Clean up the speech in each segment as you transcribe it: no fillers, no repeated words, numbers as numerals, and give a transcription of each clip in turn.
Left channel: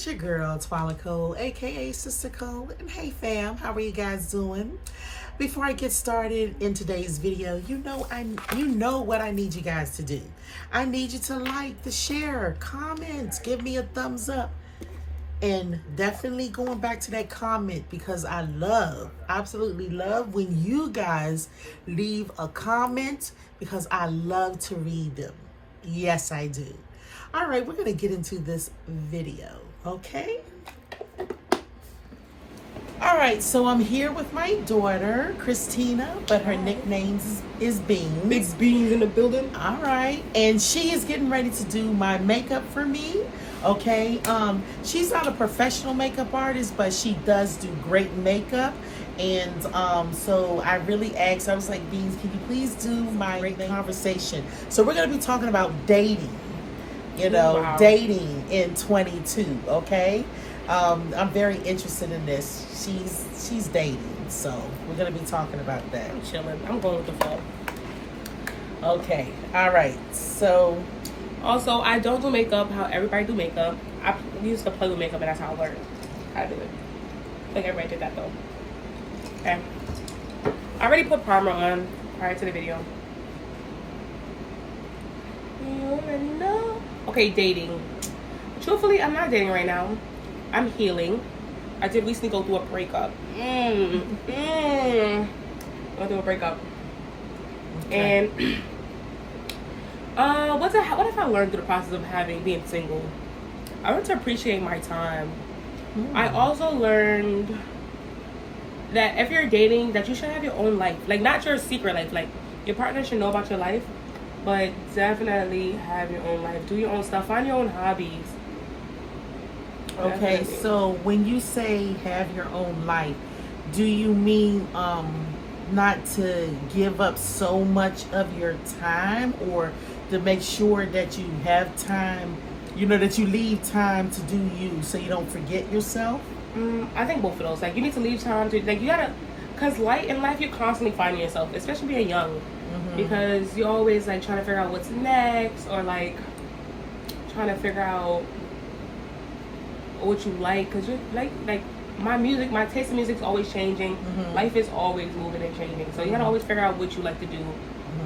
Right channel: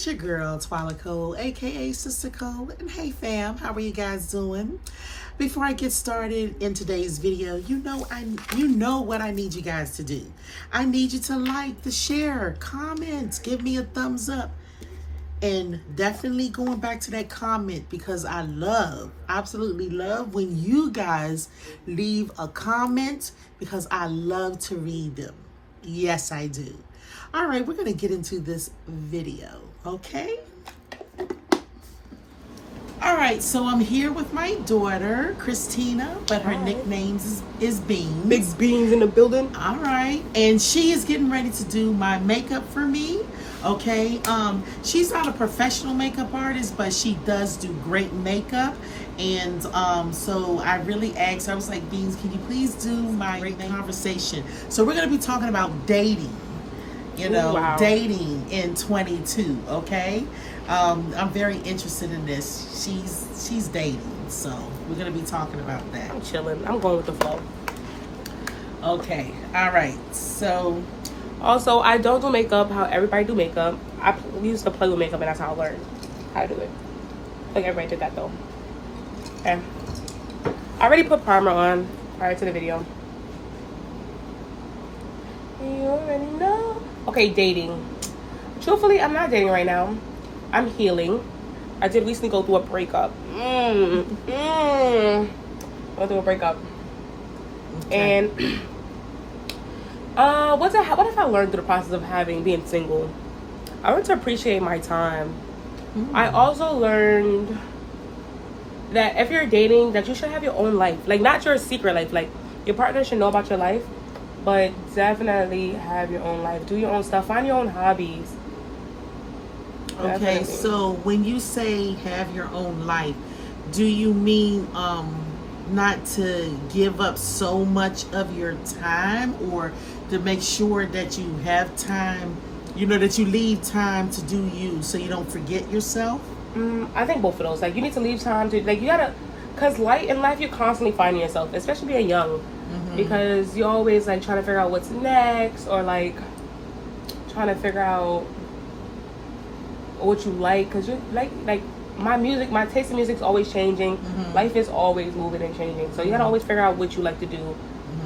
It's your girl, twalacole, aka Sister Cole. And hey fam, how are you guys doing? Before I get started in today's video, you know what I need you guys to do. I need you to like, to share, comment, give me a thumbs up. And definitely going back to that comment, because I absolutely love when you guys leave a comment, because I love to read them. Yes, I do. All right, we're going to get into this video, okay? All right, so I'm here with my daughter, Christina, but her nickname is Beans. Big Beans in the building. All right, and she is getting ready to do my makeup for me, okay? She's not a professional makeup artist, but she does do great makeup. And so I really asked, I was like, Beans, can you please do my conversation? So we're going to be talking about dating. Wow. Dating in 22, okay? I'm very interested in this. She's dating, so we're gonna be talking about that. I'm chilling. I'm going with the flow. Okay, all right. So, also, I don't do makeup how everybody do makeup. I used to play with makeup, and that's how I learned how to do it. Like everybody did that though. Okay. I already put primer on prior to the video. You already know. Okay, dating. Truthfully, I'm not dating right now. I'm healing. I did recently go through a breakup. Go through a breakup. okay. And what have I learned through the process of being single? I learned to appreciate my time. I also learned that if you're dating, that you should have your own life. Like, not your secret life. Like, your partner should know about your life, but definitely have your own life. Do your own stuff. Find your own hobbies. Okay, so when you say have your own life, do you mean not to give up so much of your time, or to make sure that you have time, that you leave time to do you so you don't forget yourself? I think both of those. Like, you need to leave time to, like, you gotta, because in life you're constantly finding yourself, especially being young. Because you're always like trying to figure out what's next, or like trying to figure out what you like, because you're like my taste in music is always changing. Life is always moving and changing, so you gotta always figure out what you like to do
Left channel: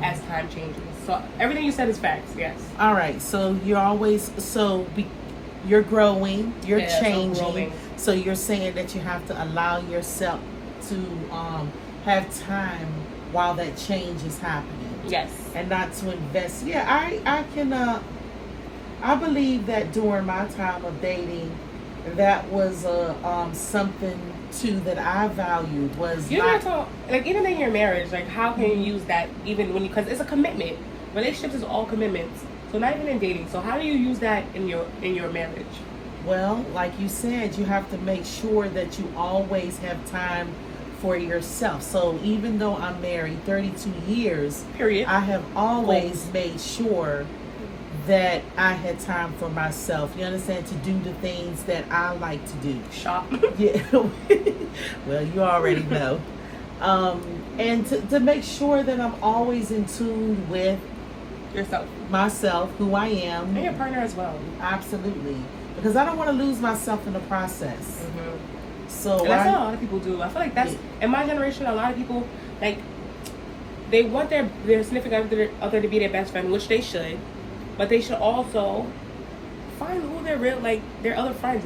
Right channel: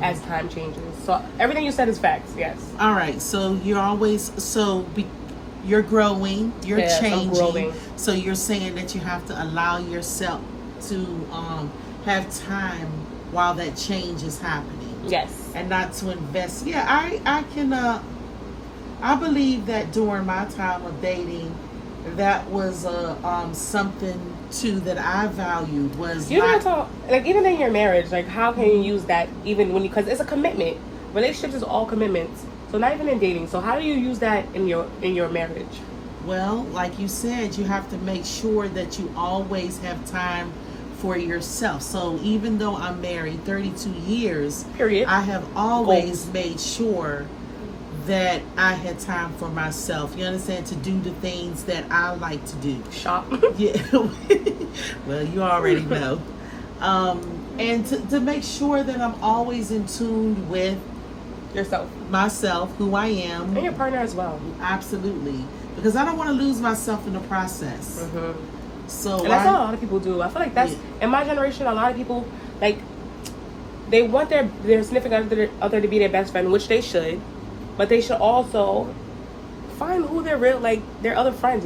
as time changes. So everything you said is facts. Yes. All right, so you're growing, you're changing, so you're saying that you have to allow yourself to have time while that change is happening. Yes. And not to invest. Yeah, I can I believe that during my time of dating, that was something too that I valued, was like, even in your marriage, like, how can you use that even because it's a commitment. Relationships is all commitments. So not even in dating. So how do you use that in your marriage? Well, like you said, you have to make sure that you always have time for yourself. So even though I'm married 32 years, period, I have always made sure that I had time for myself. You understand? To do the things that I like to do. Shop. Yeah. Well, you already know. And to make sure that I'm always in tune with yourself, myself, who I am, and your partner as well. Absolutely, because I don't want to lose myself in the process. So and that's what a lot of people do. I feel like that's in my generation. A lot of people, like, they want their significant other to be their best friend, which they should, but they should also find who their other friends.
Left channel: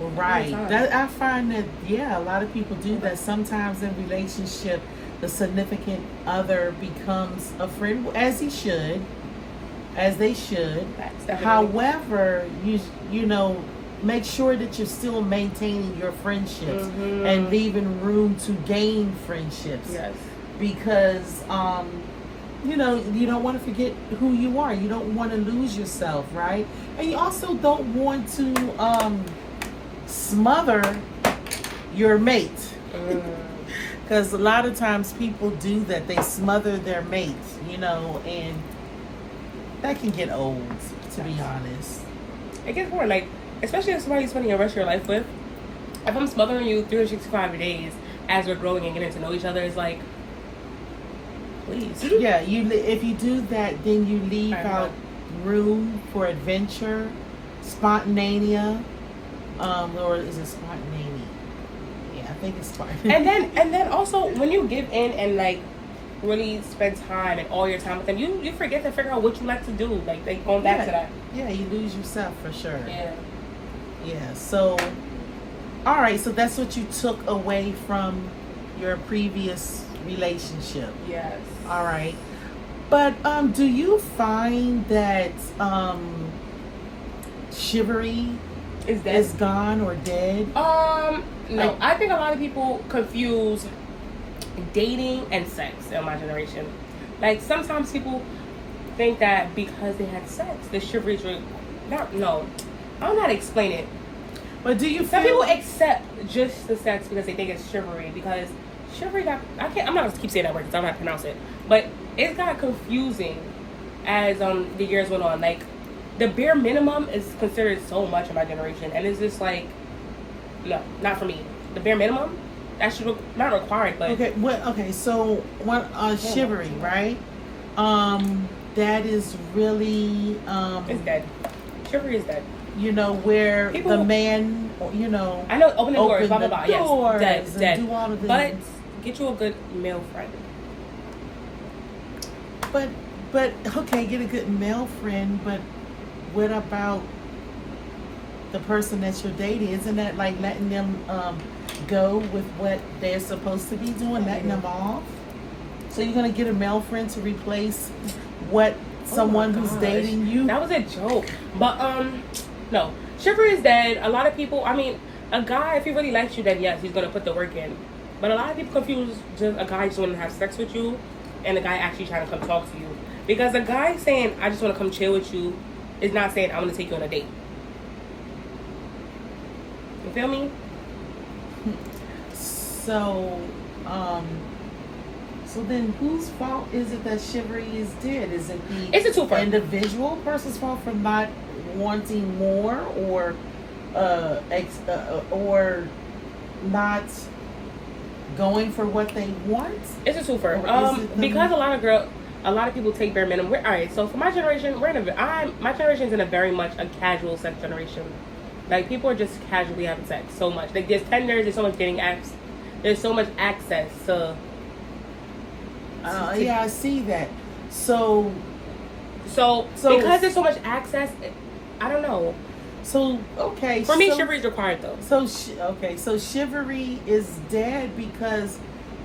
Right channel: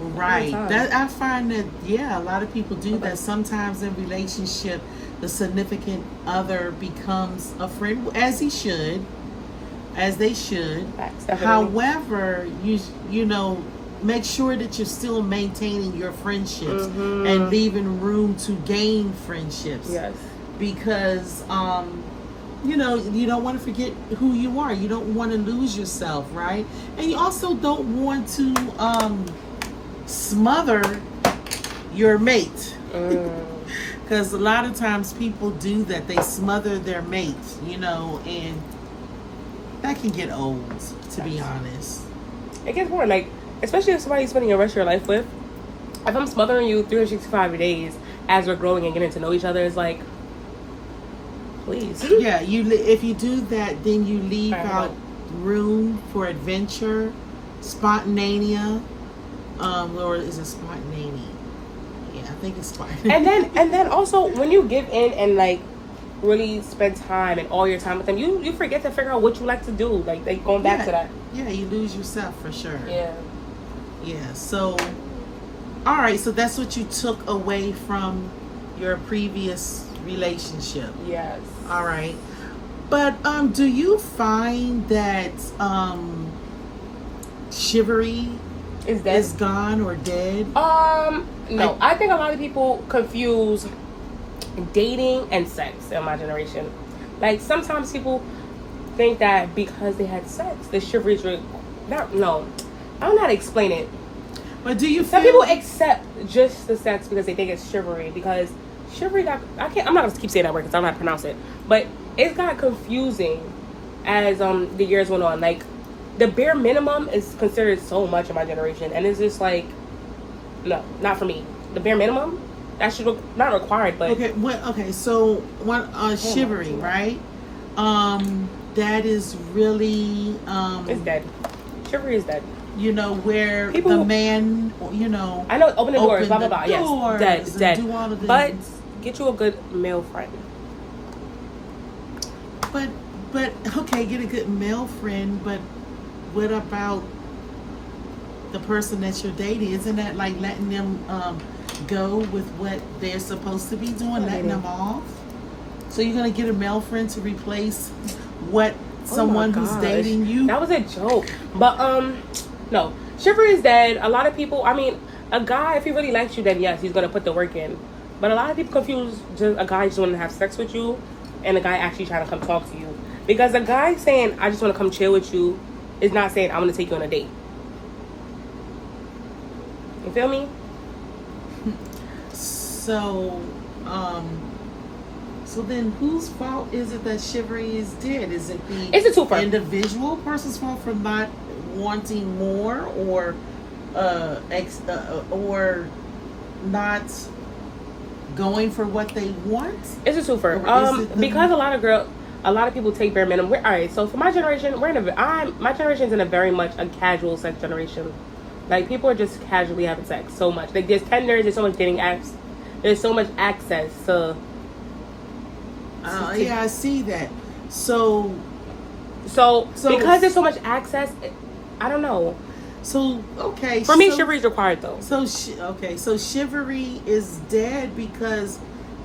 Right. That I find that a lot of people do that. Sometimes in relationship, the significant other becomes a friend, as they should. However, you make sure that you're still maintaining your friendships and leaving room to gain friendships. Yes. Because you don't want to forget who you are. You don't want to lose yourself, right? And you also don't want to smother your mate. Because a lot of times people do that. They smother their mate, and that can get old, to be honest. It gets boring, like, especially if somebody's spending the rest of your life with. If I'm smothering you 365 days as we're growing and getting to know each other, it's like, please. Yeah, if you do that, then you leave out room for adventure, spontaneity, or is it spontaneity? Yeah, I think it's spontaneity. And then also when you give in and like really spend time and all your time with them, you forget to figure out what you like to do. Like going back to that. Yeah, you lose yourself for sure. Yeah. Yeah. So, all right. So that's what you took away from your previous relationship. Yes. All right. But do you find that chivalry is gone or dead? No. I think a lot of people confuse dating and sex in my generation. Like sometimes people think that because they had sex, the chivalry is no. I don't know how to explain it. But do you Some feel people accept just the sex because they think it's chivalry, because chivalry got, I'm not gonna keep saying that word because I don't know how to pronounce it, but it's got confusing as the years went on. Like the bare minimum is considered so much in my generation, and it's just like, no, not for me. The bare minimum, that should not required, but okay. So what chivalry, right? That is really it's dead. Chivalry is dead. You know, where the man, you know, I know, open the doors, blah blah blah. Yes, dead. Do all of the but get you a good male friend. But okay, get a good male friend, but what about the person that you're dating? Isn't that like letting them go with what they're supposed to be doing, letting them off? So you're gonna get a male friend to replace what someone who's dating you? That was a joke. But no, chivalry is dead. A lot of people, I mean, a guy, if he really likes you, then yes, he's gonna put the work in. But a lot of people confuse just a guy just wanting to have sex with you and a guy actually trying to come talk to you. Because a guy saying, I just want to come chill with you, is not saying, I'm going to take you on a date. You feel me? So, so then whose fault is it that chivalry is dead? Is it It's a twofer. Individual person's fault for not wanting more, or not going for what they want? It's a twofer. Because a lot of people take bare minimum. All right, so for my generation, my generation's in a very much a casual sex generation. Like people are just casually having sex so much. Like there's Tinder, there's so much dating apps, there's so much access to. Yeah, I see that. So because there's so much access, I don't know. So okay, for me, chivalry is required though. So so chivalry is dead because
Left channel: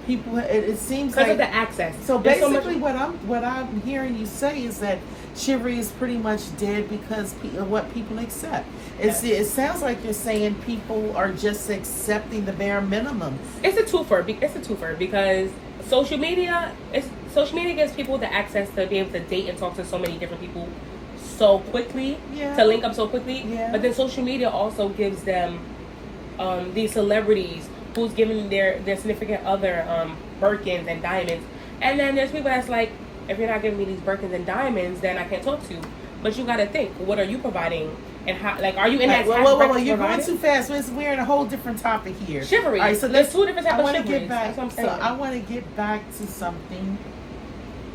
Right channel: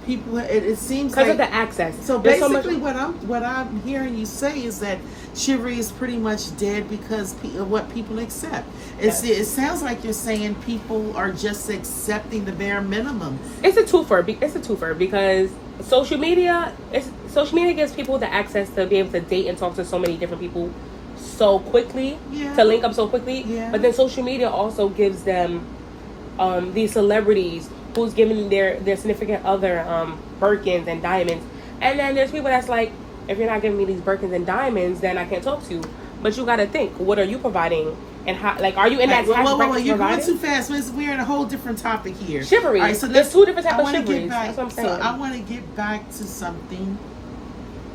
people. It seems because like of the access. So basically, what I'm hearing you say is that chivalry is pretty much dead because of what people accept. It sounds like you're saying people are just accepting the bare minimum. It's a twofer. It's a twofer because social media gives people the access to be able to date and talk to so many different people so quickly, to link up so quickly. But then social media also gives them these celebrities who's giving their significant other Birkins and diamonds. And then there's people that's like, if you're not giving me these Birkins and diamonds, then I can't talk to you. But you got to think, what are you providing? And how, like, are you in that? Whoa, you're going too fast. We're in a whole different topic here. Chivalry. All right, so there's two different types of chivalry. I want to get back to something.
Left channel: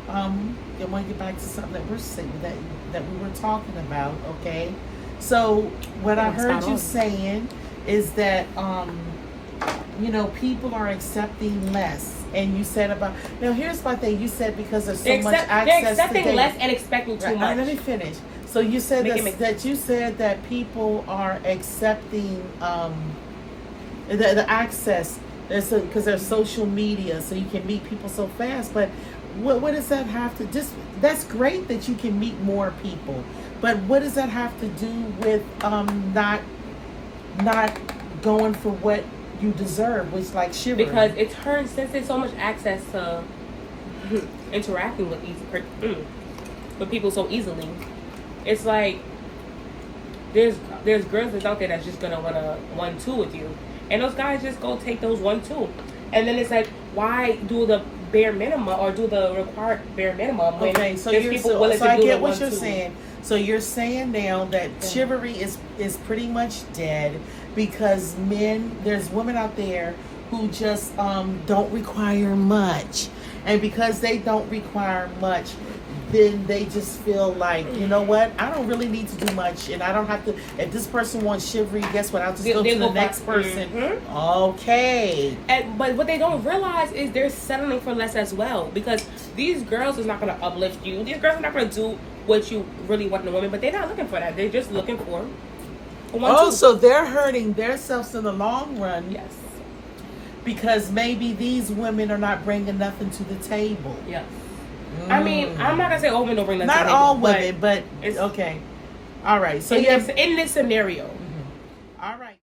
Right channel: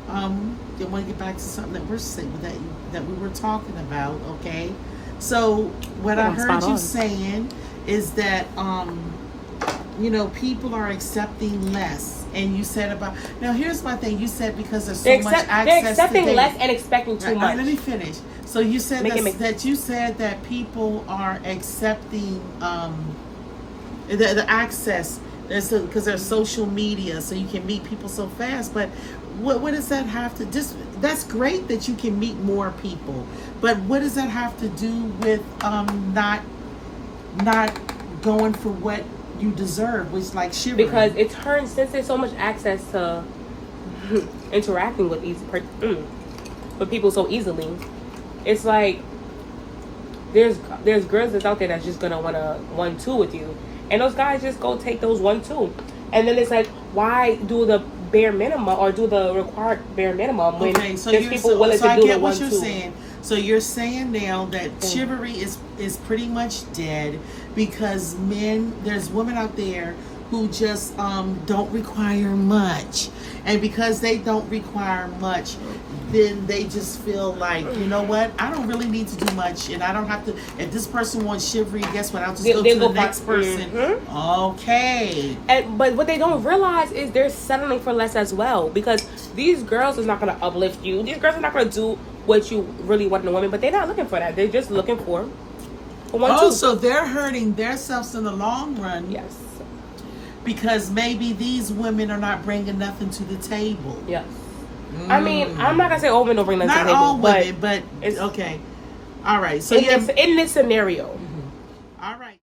I want to get back to something that we're saying that we were talking about. Okay, so what I heard you saying is that you know, people are accepting less. And you said about, now here's my thing, you said because there's so much access they're accepting to less and expecting too much. Let me finish. So you said that people are accepting the access because there's social media, so you can meet people so fast. But what does that have to that's great that you can meet more people, but what does that have to do with not going for what you deserve, which like chivalry? Because it turns, since there's so much access to interacting with people so easily, it's like there's girls that's out there that's just gonna wanna 1-2 with you, and those guys just go take those 1-2, and then it's like, why do the bare minimum or do the required bare minimum when there's people willing to do the 1-2? I get what you're saying. So you're saying now that chivalry is pretty much dead because there's women out there who just don't require much, And because they don't require much, then they just feel like, you know what, I don't really need to do much, and I don't have to. If this person wants shivery, guess what? I'll just go to the next person. Mm-hmm. Okay. But what they don't realize is they're settling for less as well, because these girls is not going to uplift you. These girls are not going to do what you really want in a woman, but they're not looking for that. They're just looking for one, two. So they're hurting themselves in the long run. Yes. Because maybe these women are not bringing nothing to the table. Yes. I mean, I'm not gonna say all women don't bring nothing to the table. Not all women, but okay. All right. So in this scenario. Mm-hmm. All right.